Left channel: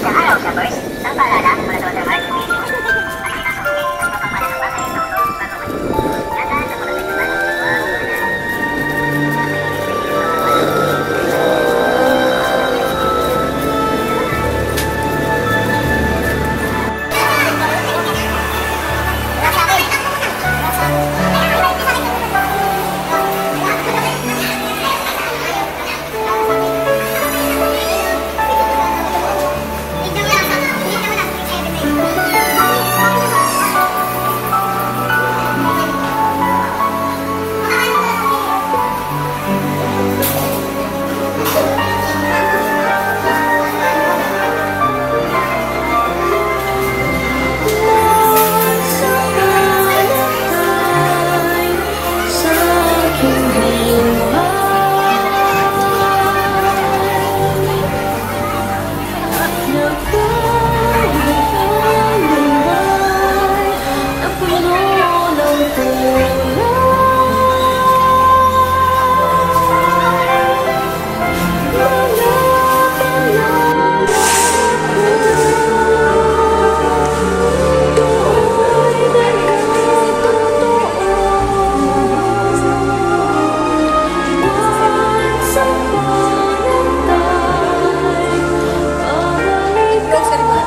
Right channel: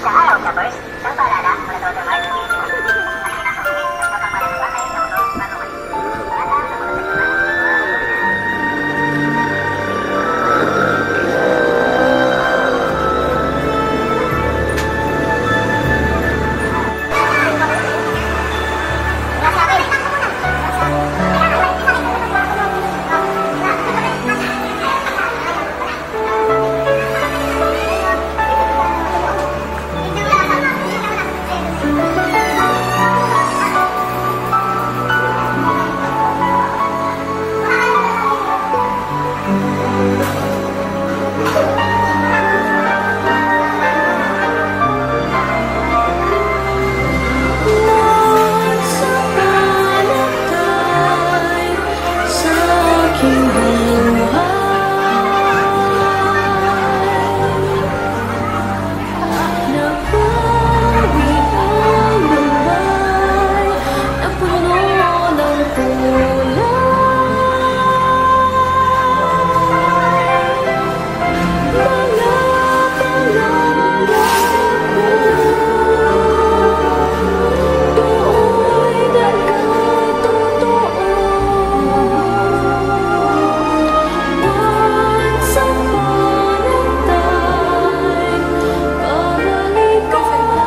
Isang araw, shoppers, isang paalala mula sa Watermark. Ang pinasukin sa pagpapala ng batay sa ulo, patungan. Yata sa mga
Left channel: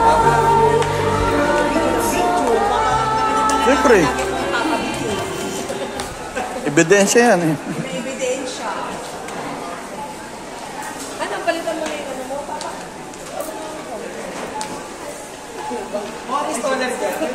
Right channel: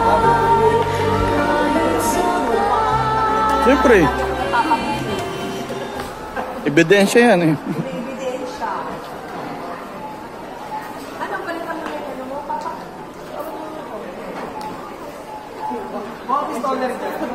Siyempre. Ebidensya yan eh. Ebidensya. Ano, palitan mo na yung ano mo, papa? Mga pistola rin.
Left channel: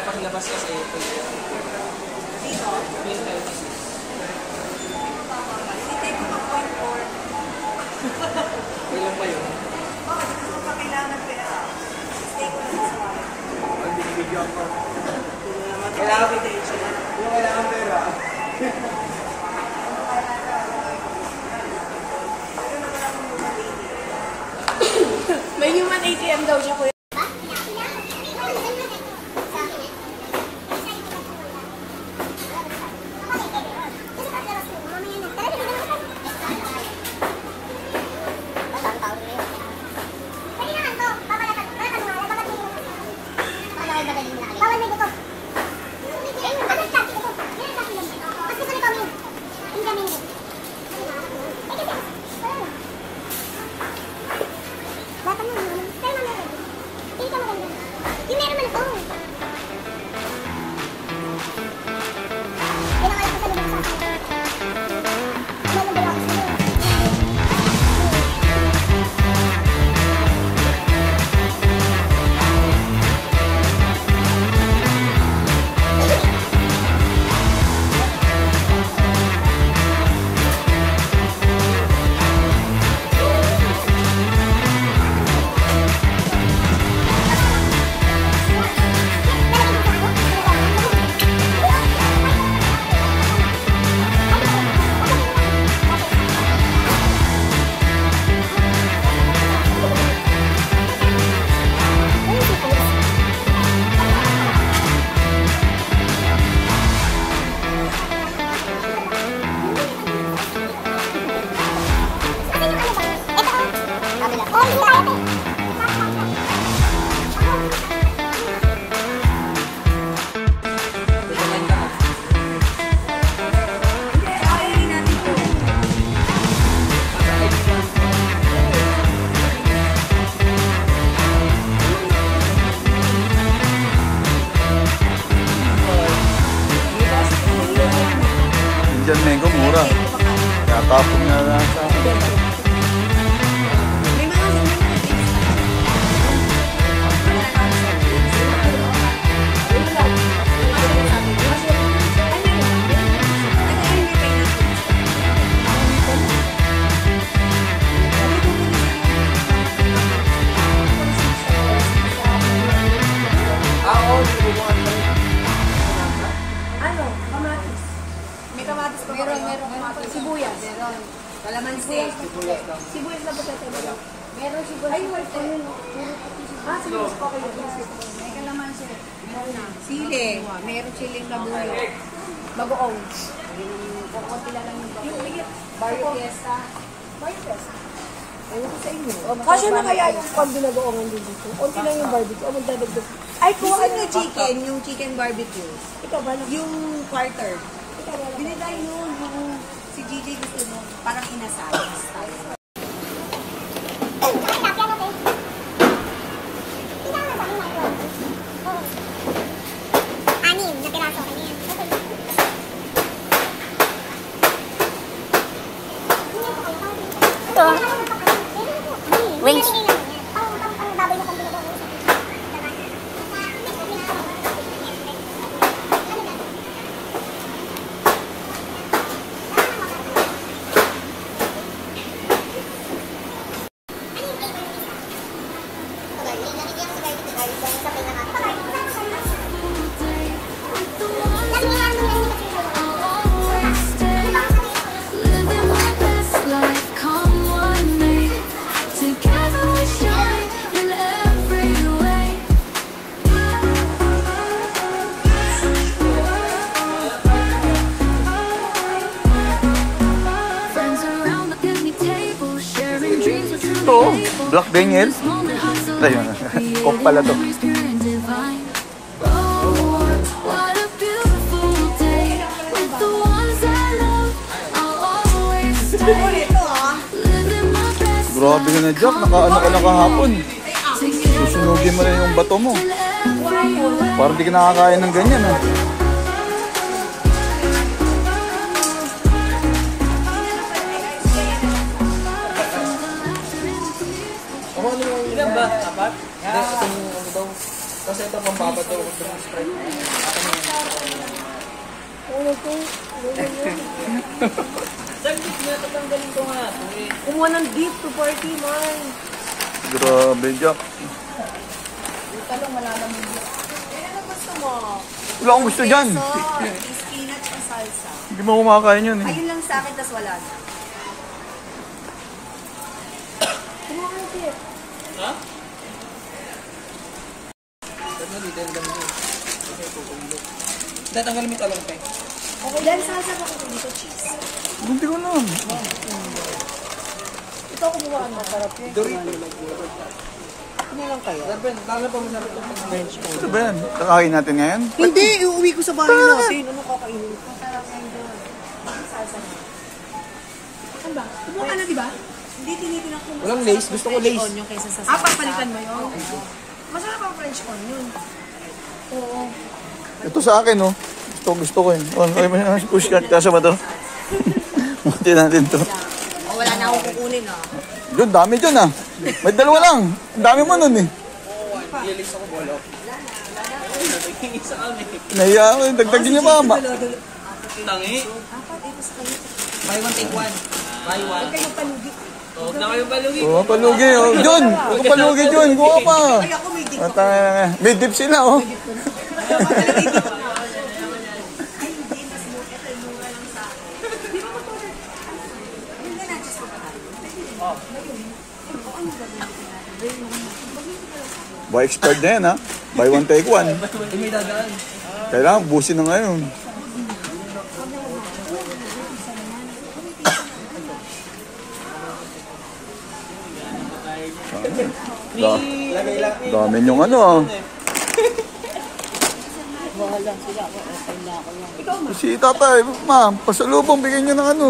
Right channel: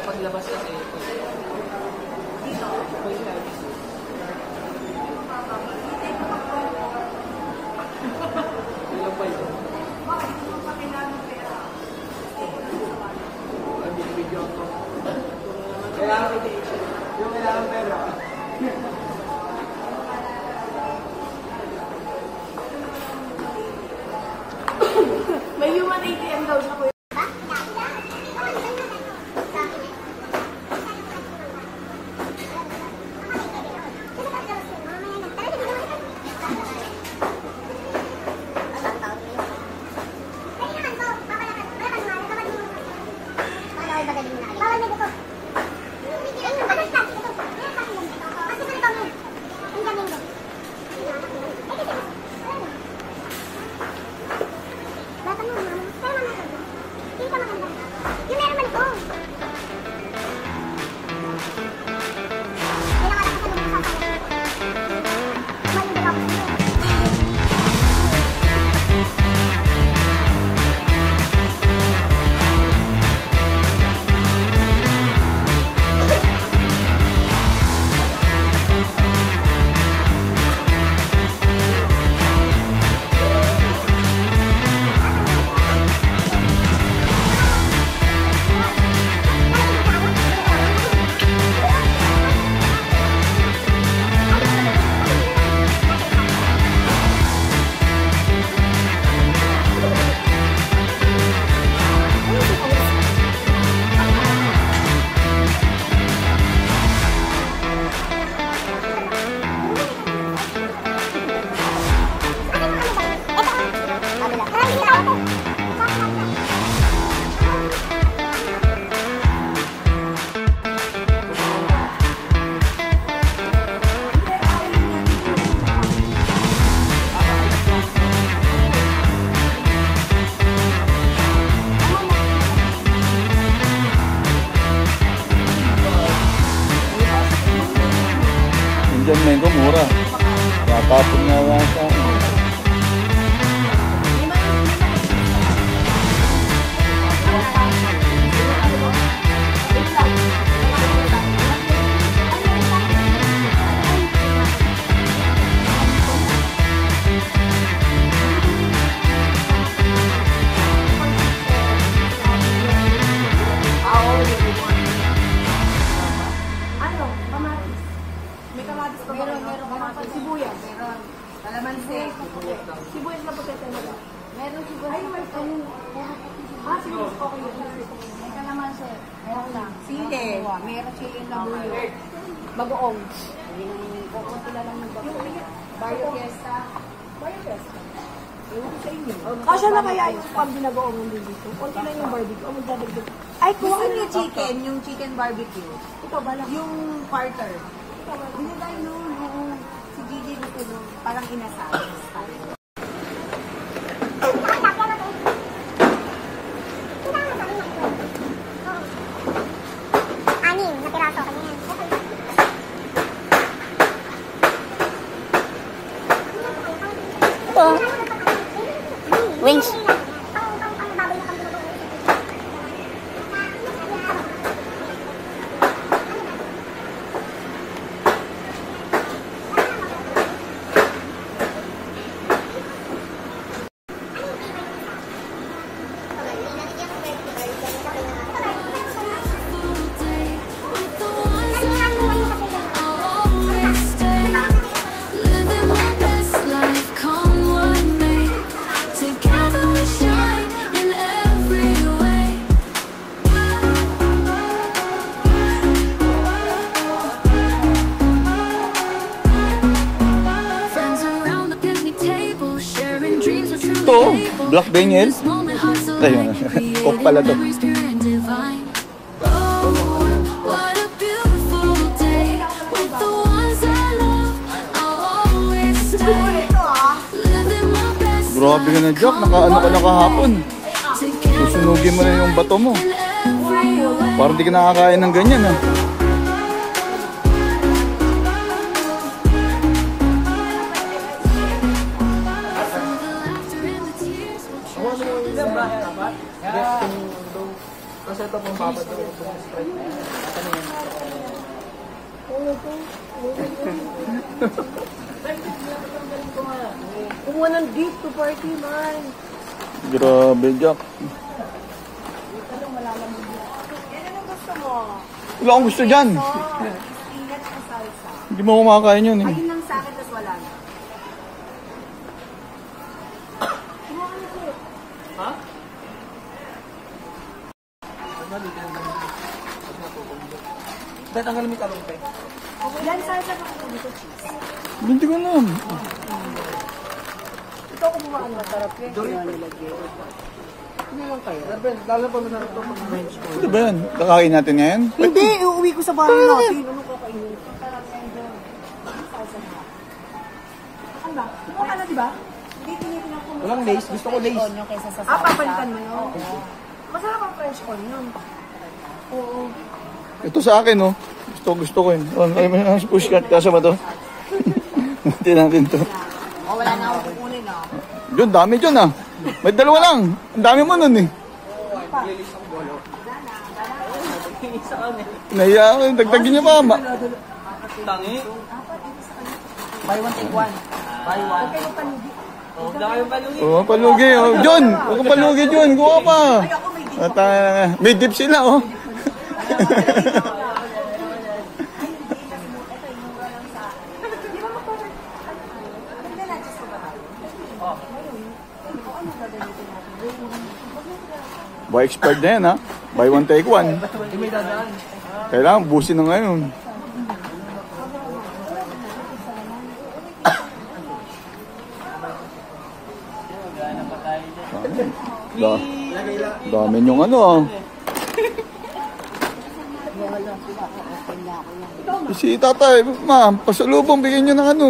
Paglabas kasi ito. Dito? May services. Ilan pa yun? Kailangan meditation. Kung kailangan pera. May human ATM daw siya, kuya. Indian mango mura. Tatapon nga lang sa akin. How old do you want? Sibuyas na pagkatama. Meron sibuyas. Ay, wait. Ayun. Sibuyas pa kayo. May kalamansi. Meron na. Sili. Meron siling labuyo. Bagoong. Kukunti lang yung bagoong. Yung ligit. Bayo Fiesta. Bayo Fiesta. Ayun sa inyo. Kasi na kaya yung pag-binagoongan din dito. Kunti lang yung barbecue. O magdadagdag. Ay, kung ano chicken, yung chicken barbecue. Ito ba? Yung quarter. Binigay nun. Si GJ gusto mo. Parang inasal. Anim na piraso kanya yan. Wings. Ito, Black Daniel. Ayun, Coke pala to. Grabe ka na, Jack. Nakaano ka na kahapon. Susunugin mo na yung bato mo. Parang di ka nakakain ng ganyan, ha? Ilan ba? Apat? Hindi, itong daw. Kasi ito pang baba daw. Itong Sprite. Saglit na, tatanggalin ko nga. Kumuha ng dip to party, man. Grabe, Jack. Talong malalamig. Yan ano gusto mo? Wala akong gusto dyan. Spinach o salsa. Hindi mo kumakain yun, eh. Ayun lang sa akin, tas wala na. Kumuha ng dip. Ha? Ba't na dito yung dami ko? Kasi natutulo. Dahil tanggal mo yung talong pe. Okay, dahil salsa ka kung dito cheese. Hindi ko na. Ito kumuha ang masarap yun. Ano lang kaya? Darben, lalo pa masarap ito pag bench ko. Ano ba yan? Kakain natin ngayon? Hindi, uuwi ko sa bahay natin. Ano kakainin? Masarap yan doon. Salsa na. Ano ba? Kumuha ka na, di ba? Hindi tinitingnan ko. Walang lace. Gusto ko lace. Onion kaysa sa salsa. Papalitan mo yun. Masarap ang French onion. Oo. Ito sa akin, oh. Gusto ko yun. Oh, alam mo na, pushcat. Kasa ba ito? Muti natin ito. O, wala na akong kukunin, oh. Yun, dami dyan, ah. May dalawa lang. Ang dami mo nun, eh. Lilis ako bolo. Isa kami. Nahiya ako, dagdagin niya pa. Tangi. Buy one, take one. Buy one. Huwag kayo palugi. Huwag na kayo balugi. Oh, palugi. Oh. John, huwag kang palugi, John. Kuha pa. Ay, ako may dip. At may dip sila, oh. Buy expired na yan, ha? Buy one, take one. Hindi may dadaan. Kailangan busin na ngayon. Dami yung ano, ah. Si tatay, ma'am, pasalubong, bigyan nyo ng ano.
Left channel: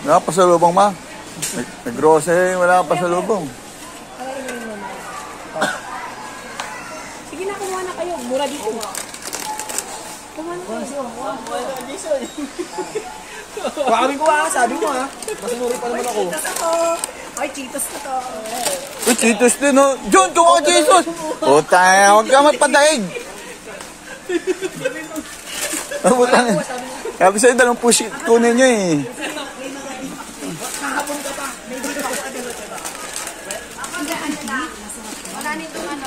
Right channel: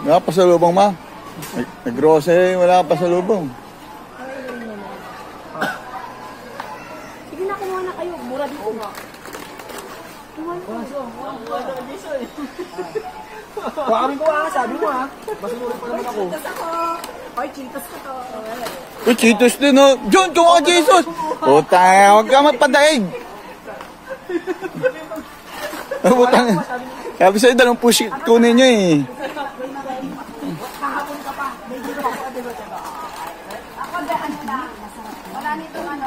Wala pasalubong, ma. Nag-grocery, wala pasalubong. Sige na, kumuha na kayo. Mura dito. Kumuha na kayo. Kuhamin ko ha, sabi mo ha. Basunuri pa naman ako. Cheetos ako. Ay, Cheetos ko to. Uy, Cheetos din, oh. John, kuha ka Cheetos. Puta, huwag ka magpadaig. Sabi sa'yo, dalawang push kunin nyo, eh. Kahapon ka pa. May dito ako. Ako, ano na. Wala nito ano.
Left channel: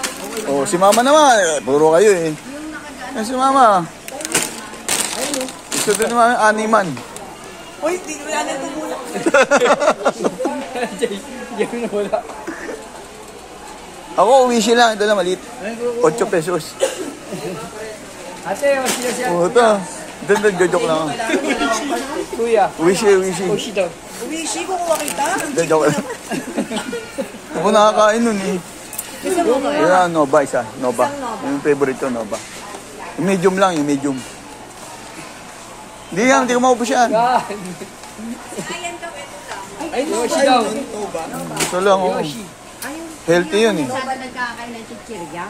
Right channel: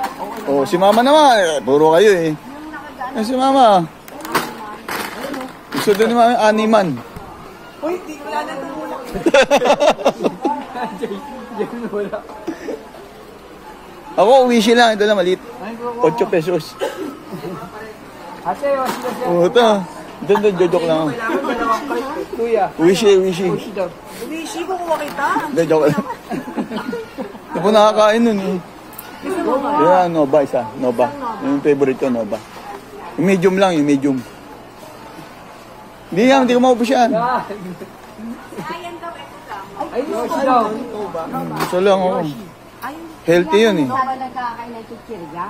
Oh, si mama naman. Puro kayo eh. Ay, si mama. Gusto din ni mama animan. Uy, di ko yan ito muna. Diyan na wala. Ako, uwi lang. Ito na, maliit. 8 pesos. Ate, o siya. Oh, ito. Ito, joke lang. Kuya. Wishi. Ushi daw. Ushi ko kuha kita. Hindi, joke lang. Ako nakakain nun eh. Yung Nova isa. Nova. Yung favorite ko, Nova. Yung medium lang, yung medium. Hindi ko maubos yan. Ay, Yoshi daw. Gusto lang, oh. Healthy yun eh. Sabi nagkakain ng chichirya.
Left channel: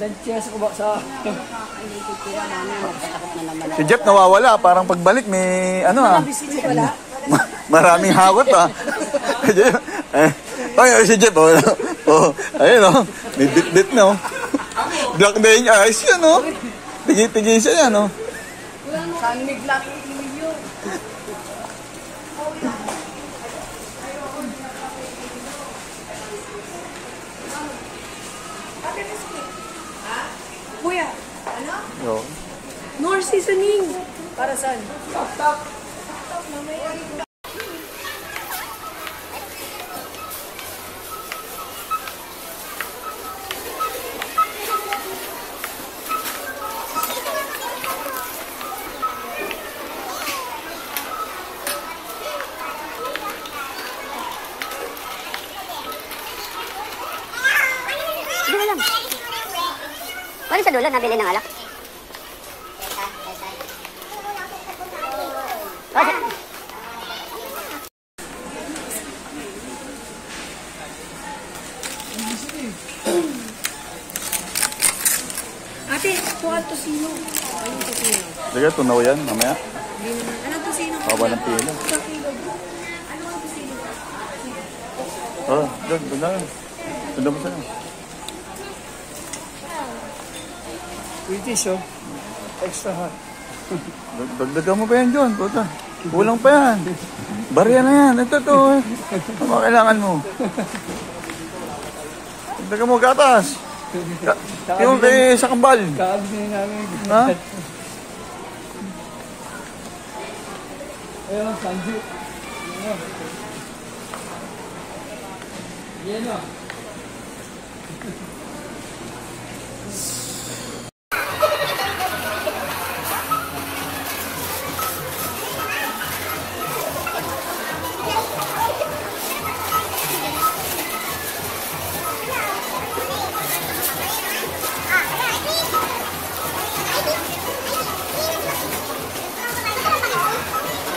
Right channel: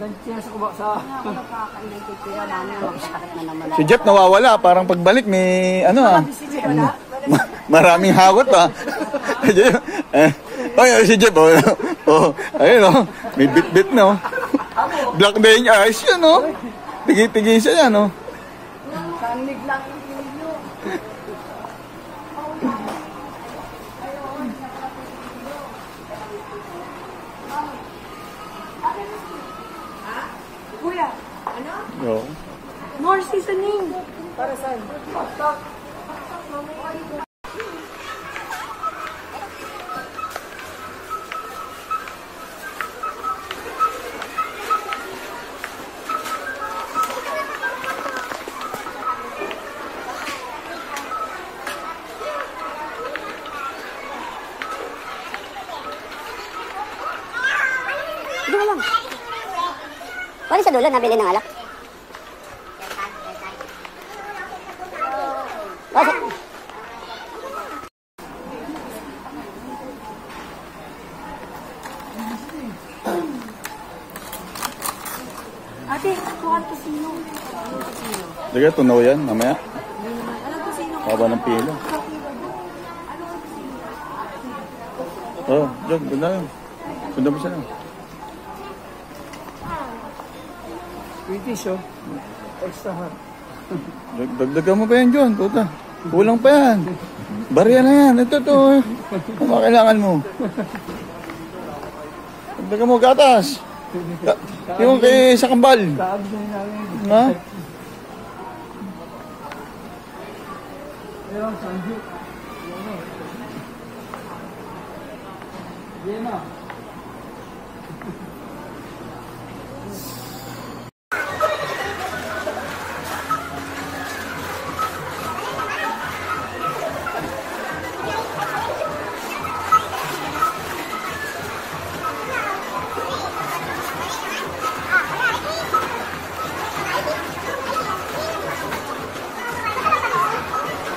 Dan siya sa kuba sa... Nagkakain ng chichirya namin. Sakit na naman. Si Jeff nawawala. Parang pagbalik may ano ah. Maraming hagot ah. Ay, si Jeff oh. Oh, ayun oh. May bit-bit na oh. Black day niya. Ayos yun oh. Tigil-tigil siya yan oh. Sanmig lang yung Kuya, Oh. more seasoning. Para saan? Dito lang. Wala sa dulo, nabili ng alak. Okay. Ate, kuha to sino? Anong to sino? Sige, tunaw yan. Mamaya. Hindi naman. Anong to sino? Haba ng pilo. Sa kilo. Anong to sino? Oh, Jeff, ganda yun. Ganda mo siya. British, oh. Extra hot. Dagdagan mo pa yan, John. Puta. Kulang pa yan. Barya na yan. Ito to. Ano kailangan mo? Dagdagan mo gatas. Yung kay sa kambal. Kaabis na namin. Ha? Ayun, Sanju. Yan na.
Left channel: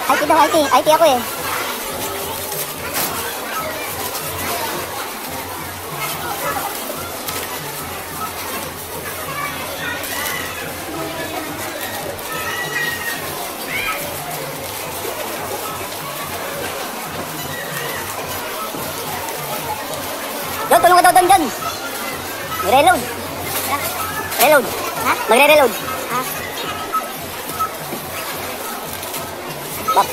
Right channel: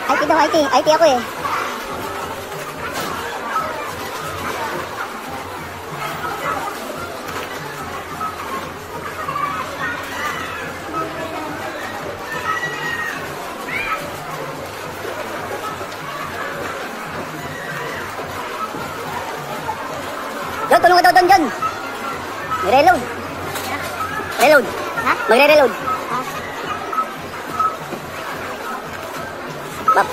IT daw, IT. IT ako eh. John, tulong ka daw doon, John. Mag-reload. Reload. Ha? Magre-reload. Ha? Bap.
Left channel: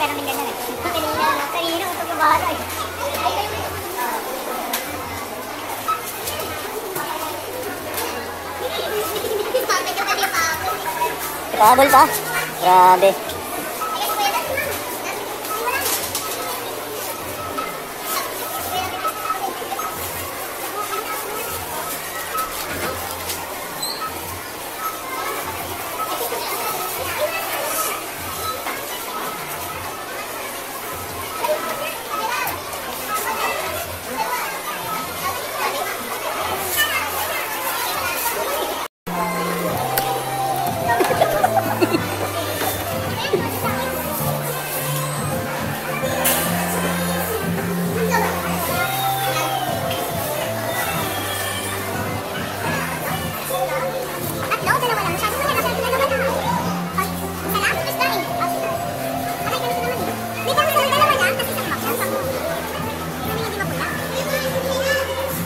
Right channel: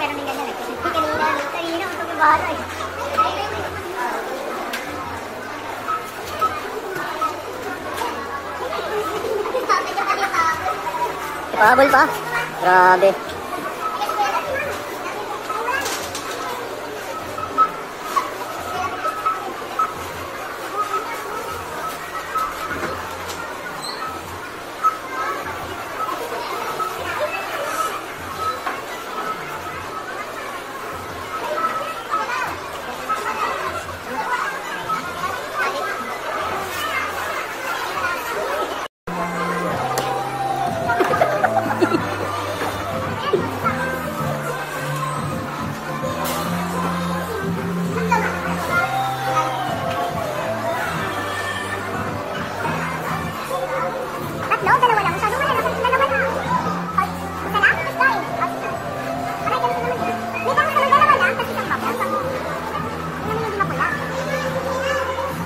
Meron din ganyan eh. Kanina, utog na bahala eh. Pahabol pa? Grabe.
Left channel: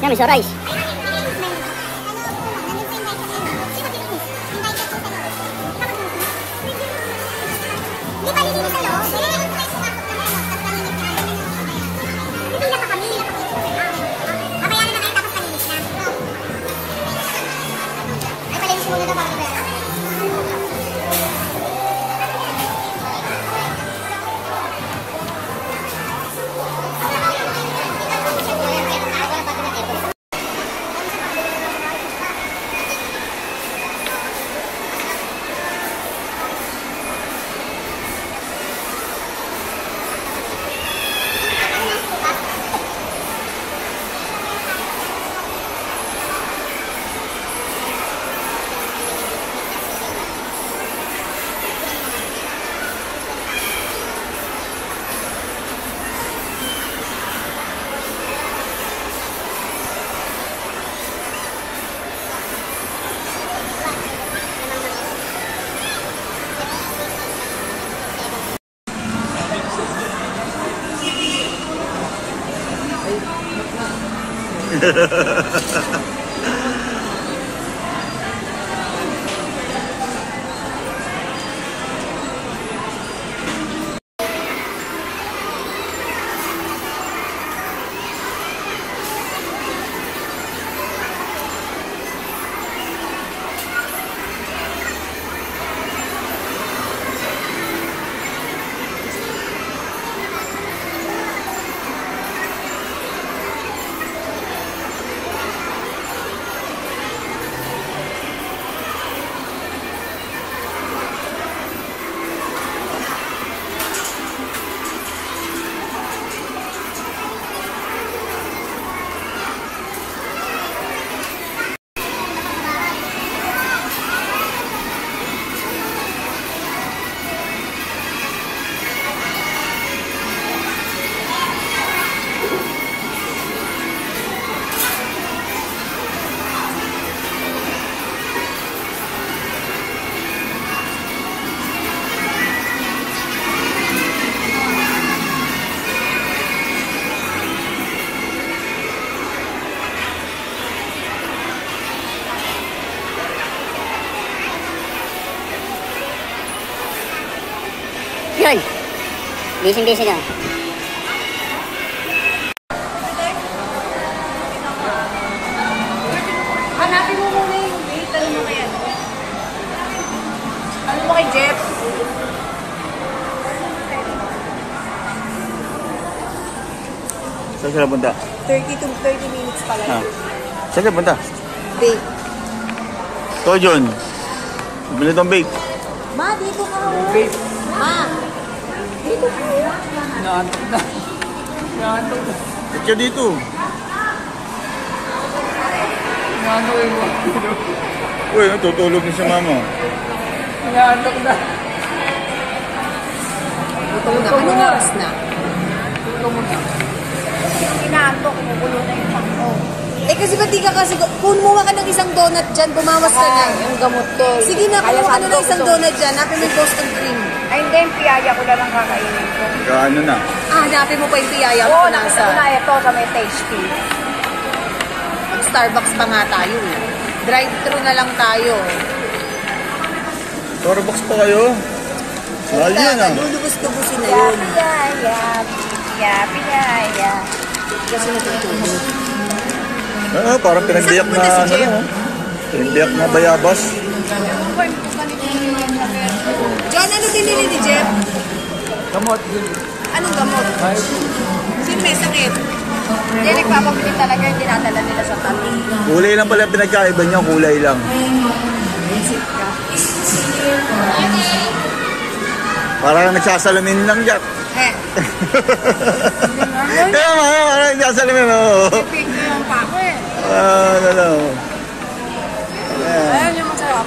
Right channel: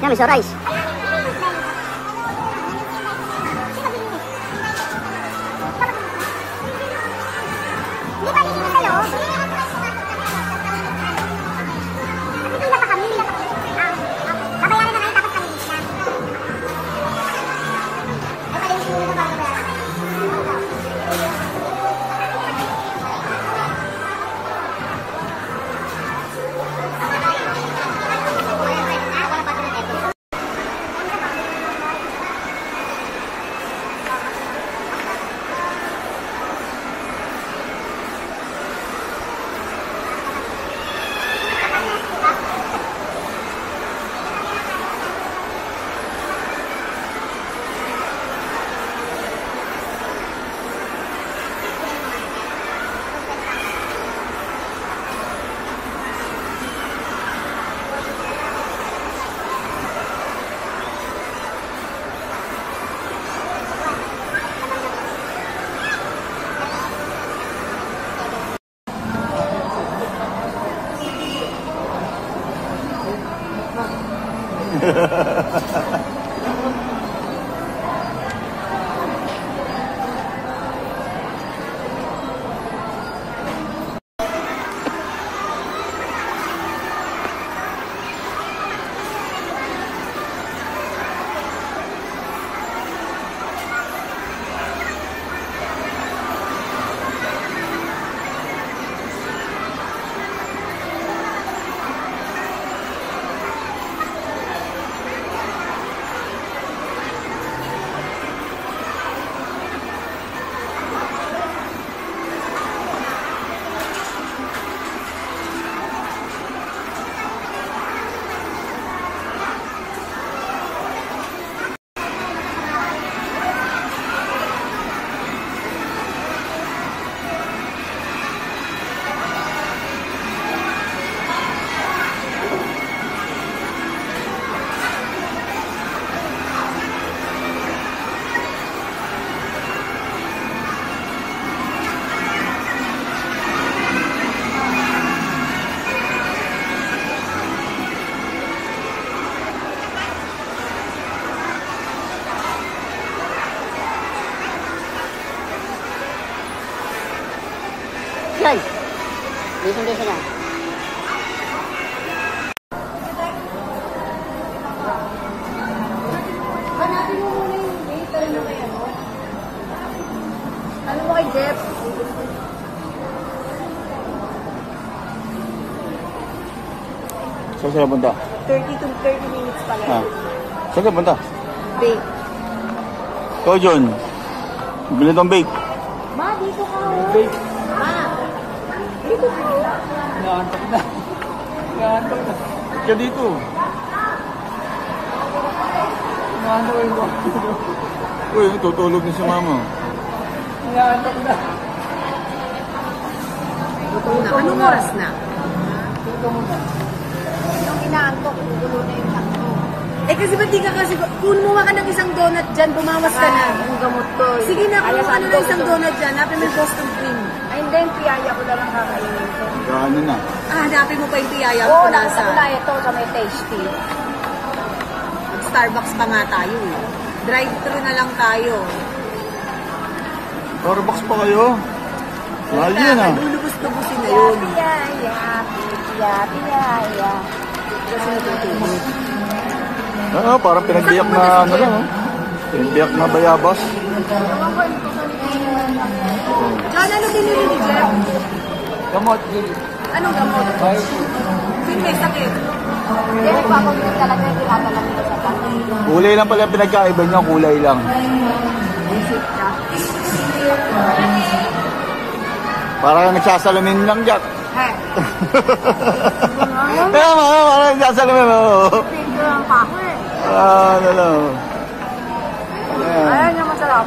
Yan, miso rice. Yun. Busy na. Hanapin mo muna yung wait. Ano mo kaya? Ano mo kay Jeff? Saan sila punta? 30 to 30 minutes pala. Ha? Saan sila punta? Bake. Ito, John. Bili itong bake. Ma, dito ka ho. Babe, Ma, dito ka ho. inaantok na. Inaantok na. Ba't ka dito? Inaantok yung mga. Uy, tutulog na si mama. Inaantok na. Gutom na. Anong oras na? Tuto mo na. Inaanto, kumukulo na yung takto. Eh kasi ba't di ka kasi, kunin mo nga ka ng isang donut dyan, bumawas ka na. Yung gamot to. Sige na, kung ano na isang donut dyan, hanapin mo yung Boston cream. Ay, hindi. Yung piyaya ko lang kakainin ko. Gaano na? Ah, hanapin mo pa yung piyaya Oo, ko nakita ko na ito sa may tasty. Mag-Starbucks pa nga tayo eh. Drive-thru na lang tayo. Starbucks pa kayo? Mahal yan ah. Lulubos-lubusin na yun. Piyaya. Kasi natutulog. Ah, parang pinagbiyak na Saan ano pumunta si lang oh. Pinagbiyak na bayabas. John, ano binili ni Jeff? Gamot, yun. Anong gamot? Ayaw ko. Sino may sakit? Hindi, nagpapabili talaga yung dinadala nila sa kantin. Kulay lang pala pinagkaiba niya, kulay lang. Parang nagsasalamin lang, Jack. He. Kaya nga, parang nagsasalamin mo. Pink na lang pa ako eh. Ano lang. Ayan. Ayaw niya masarap.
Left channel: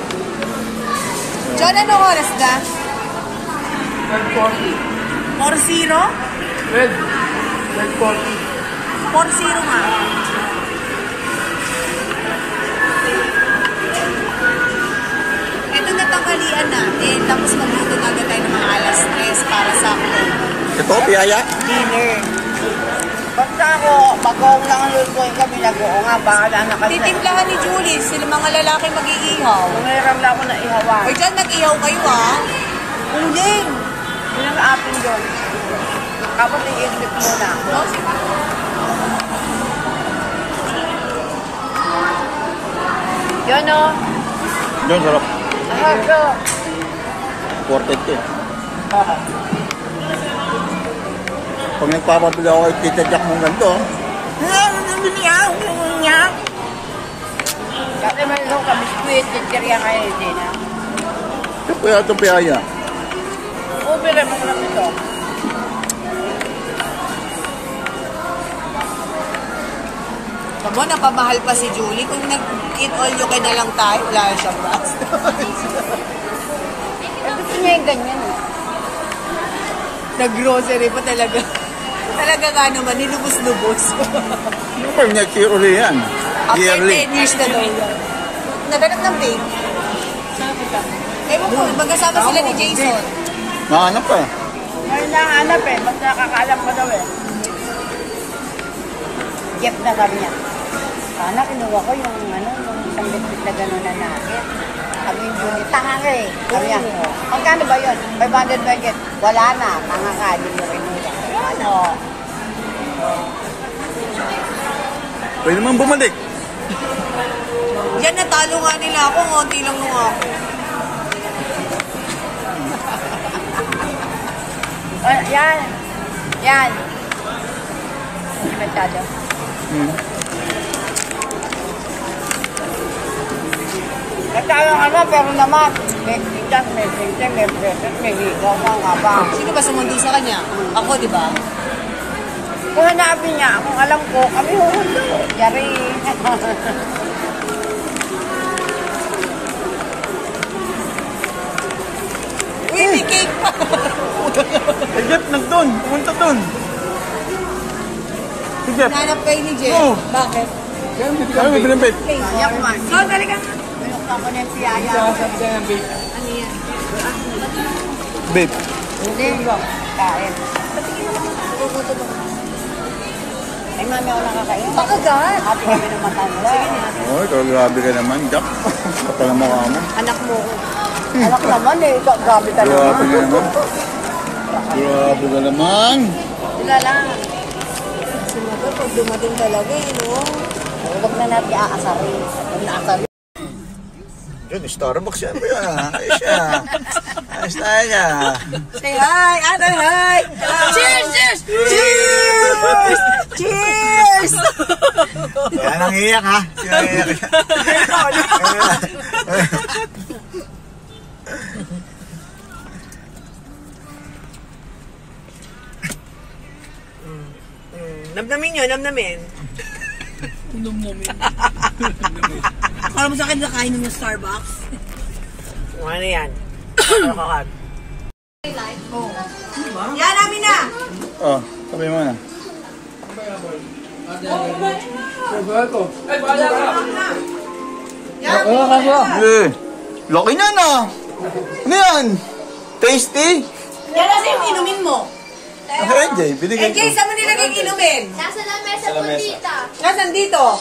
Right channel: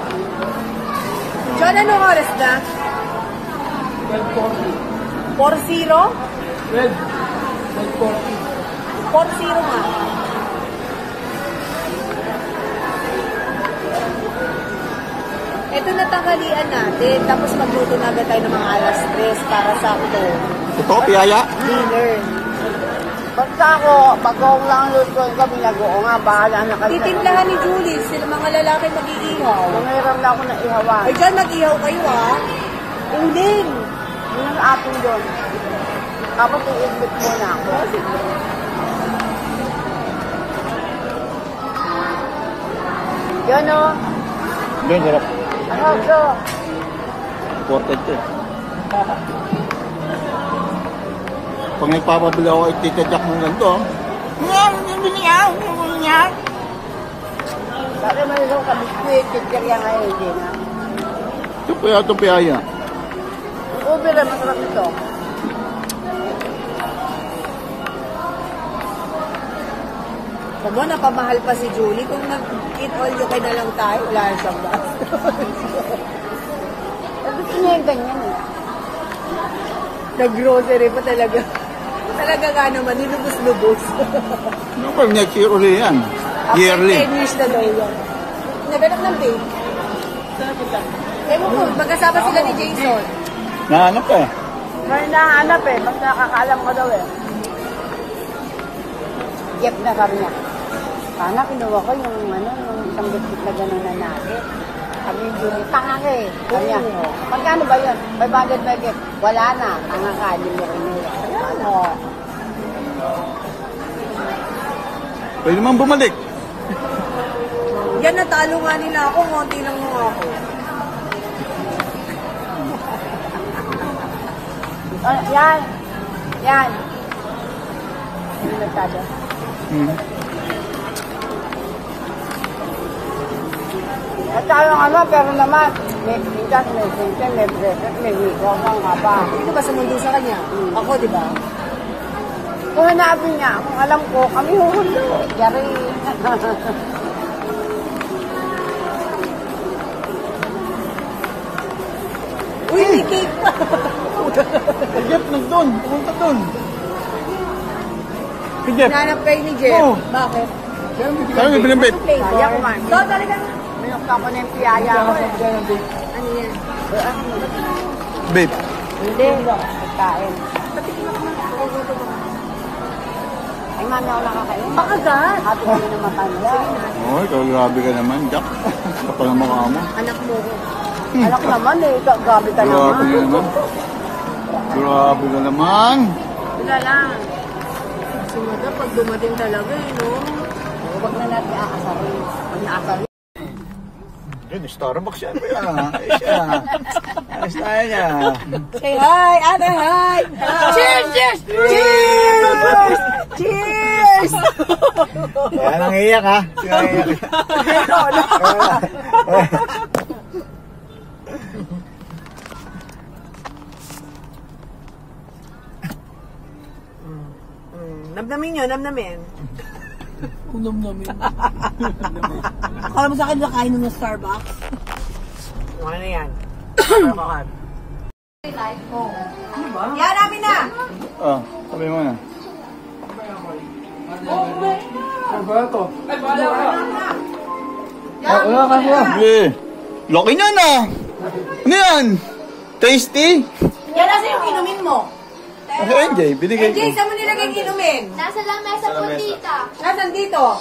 John, anong oras na? 12:40. 4-0? 12:40. 4-0 nga. Ito na tanghalian natin, tapos magluto na agad tayo ng mga alas 3 para sa Ito, piyaya. dinner. Basta ako, pag-uong lang lutuin kami, nag-uong nga, bahala na kasi. Titimplahan ni Julie, sila mga lalaki mag-iihaw. Nangiram lang ako na ihawan. O dyan, nag-ihaw kayo Uling. Yun ang atin doon. Tapos i-iglip muna. O, sige. Yun o. Yun, sarap. Ano? Imported to. Pag nagpapabili ako kay Tita Jack ng ganito, Kasi may isang kabiskuit, chichirya kayo din ha. ito pa yata itong piyaya. Ubi rin, masarap ito. Tama, napamahal pa si Julie. Kung nag-eat all you can na lang tayo, wala siyang basta. Gusto niya yung ganyan eh. Nag-grocery pa talaga. Talaga nga naman, ninubos-lubos. Yung pag nag-uli yan. After Yearly. 10 years na daw yan. Naganap ng babe. Ewan ko, magkasama sila ni Jason. Nahanap ka eh. May nahanap eh, basta nakakaalam ko daw eh. Get na sabi niya. Sana kinuha ko yung isang bitbit na gano'n na natin. Sabi yung Julie, tanga ka eh. Sabi niya, magkano ba yun? 500 packet. Wala na, tanga ka, hindi mo rin nila. Ayan o. Pwede naman bumalik. Yan, natalo nga nila ako. Ngonti lang nung ako. Yan. Yan. Hindi masyado. At yung pero naman, may titas, may sinte, may bracelet, may higaw, mga ba. Sino ba sumundo sa kanya? Ako, di ba? Kung hanapin niya, kung alam ko, kami huhundo. Yari. Uy, may cake pa! Si Jeff nagdoon. Pumunta doon. Si Jeff. Nanap kayo ni Jeff. Oo. Bakit? Kaya may bilimbit. Kaya kumain. So, talagang... Minukta ko na yung piyaya ko. Ano yan? Babe. Hindi. Kain. Ay, mami ako nakakain. Pakagat! Ate kami ng matanda. Oy, grabe ka naman, Jack. Kapal na mukha mo. Anak mo ko. Anak naman eh. Gabi ka Grabe naman. ka naman. Grabe ka naman. Sila lang. Si Mother, pag dumating talaga no? Huwag na natin aasarin. Pag naasarin. Yun, Starbucks yan ba yan? Ayos siya. Ayos tayo niya. Say hi! Ana, hi! Cheers! Cheers! Cheers! Cheers! Yan ang iyak ha. Yan ang iyak. Namnamin nyo, namnamin. Namnamin. Akala mo sa akin nakain ng Starbucks? Ano yan? Kakakad. Yan, namin na! Oh, sabi mo na. Eh, laki na na. Ano yan? Tasty? Yan kasi yung inumin mo. NJ, binigay ko. Eh, saan mo nilagay yung inumin? Nasa lamesa po, tita. Nasaan dito?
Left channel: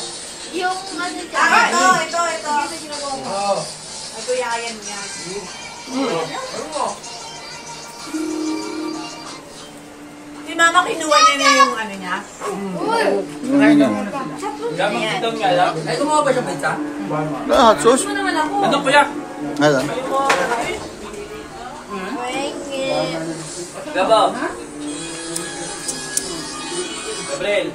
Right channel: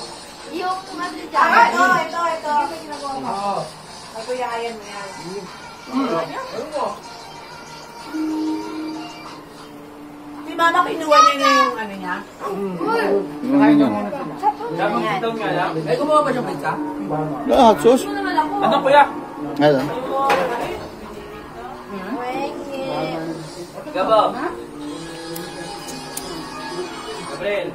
Yung ano dyan. Ito. Ay, kuya, ayan mo yan. Si mama kinuha niya na yung ano niya. Ay, kumuha ba siya pizza? Hot sauce? Ano kuya? Ano? Gabo. Gabriel.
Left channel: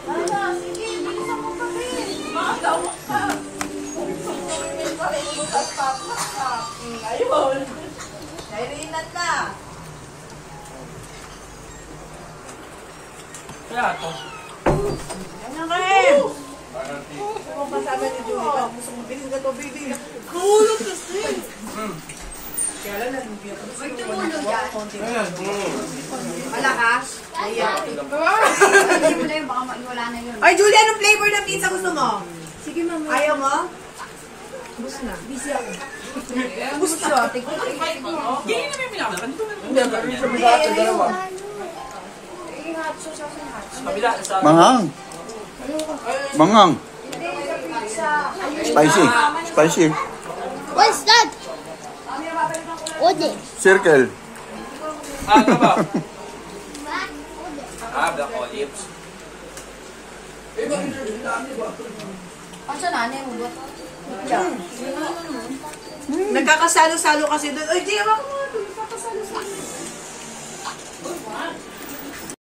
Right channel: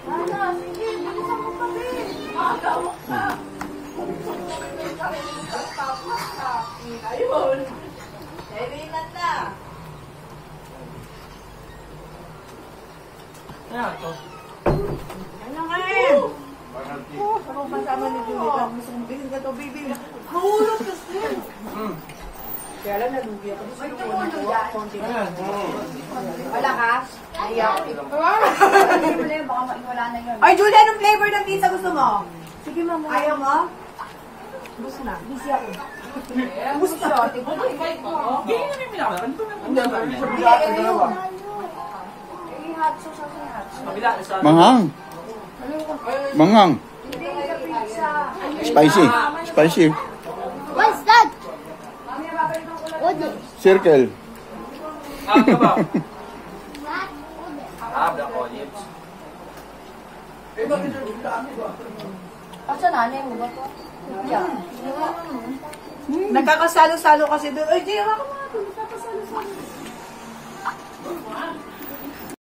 Ayun. Nairinat na. Kaya ito. Ano kayo? Ako kasama ni Julie. Gusto kong bilhin ka to, baby. Mahulog kasi. Kaya lang, nag-ubi ako. Gusto ko nakuha ko konti. Malakas? Baka maiwala na yun. Ay, Julie, anong flavor ng pizza gusto mo? Sige, mama. Ayaw mo? Bus na. Busy ako. Gusto. Hindi namin minakalan. Ito naman. Eh, hot sauce ako ng hot sauce. Kabila, sa... Manghang. Manghang. Spicy. Spicy. What's that? What is? Circle. Ano ba? Black olives. Ang sa nanay mo ba ito? Nagkakasalo-salo kasi doon. Ay, di, ako nga. Nagkakasalo-salo.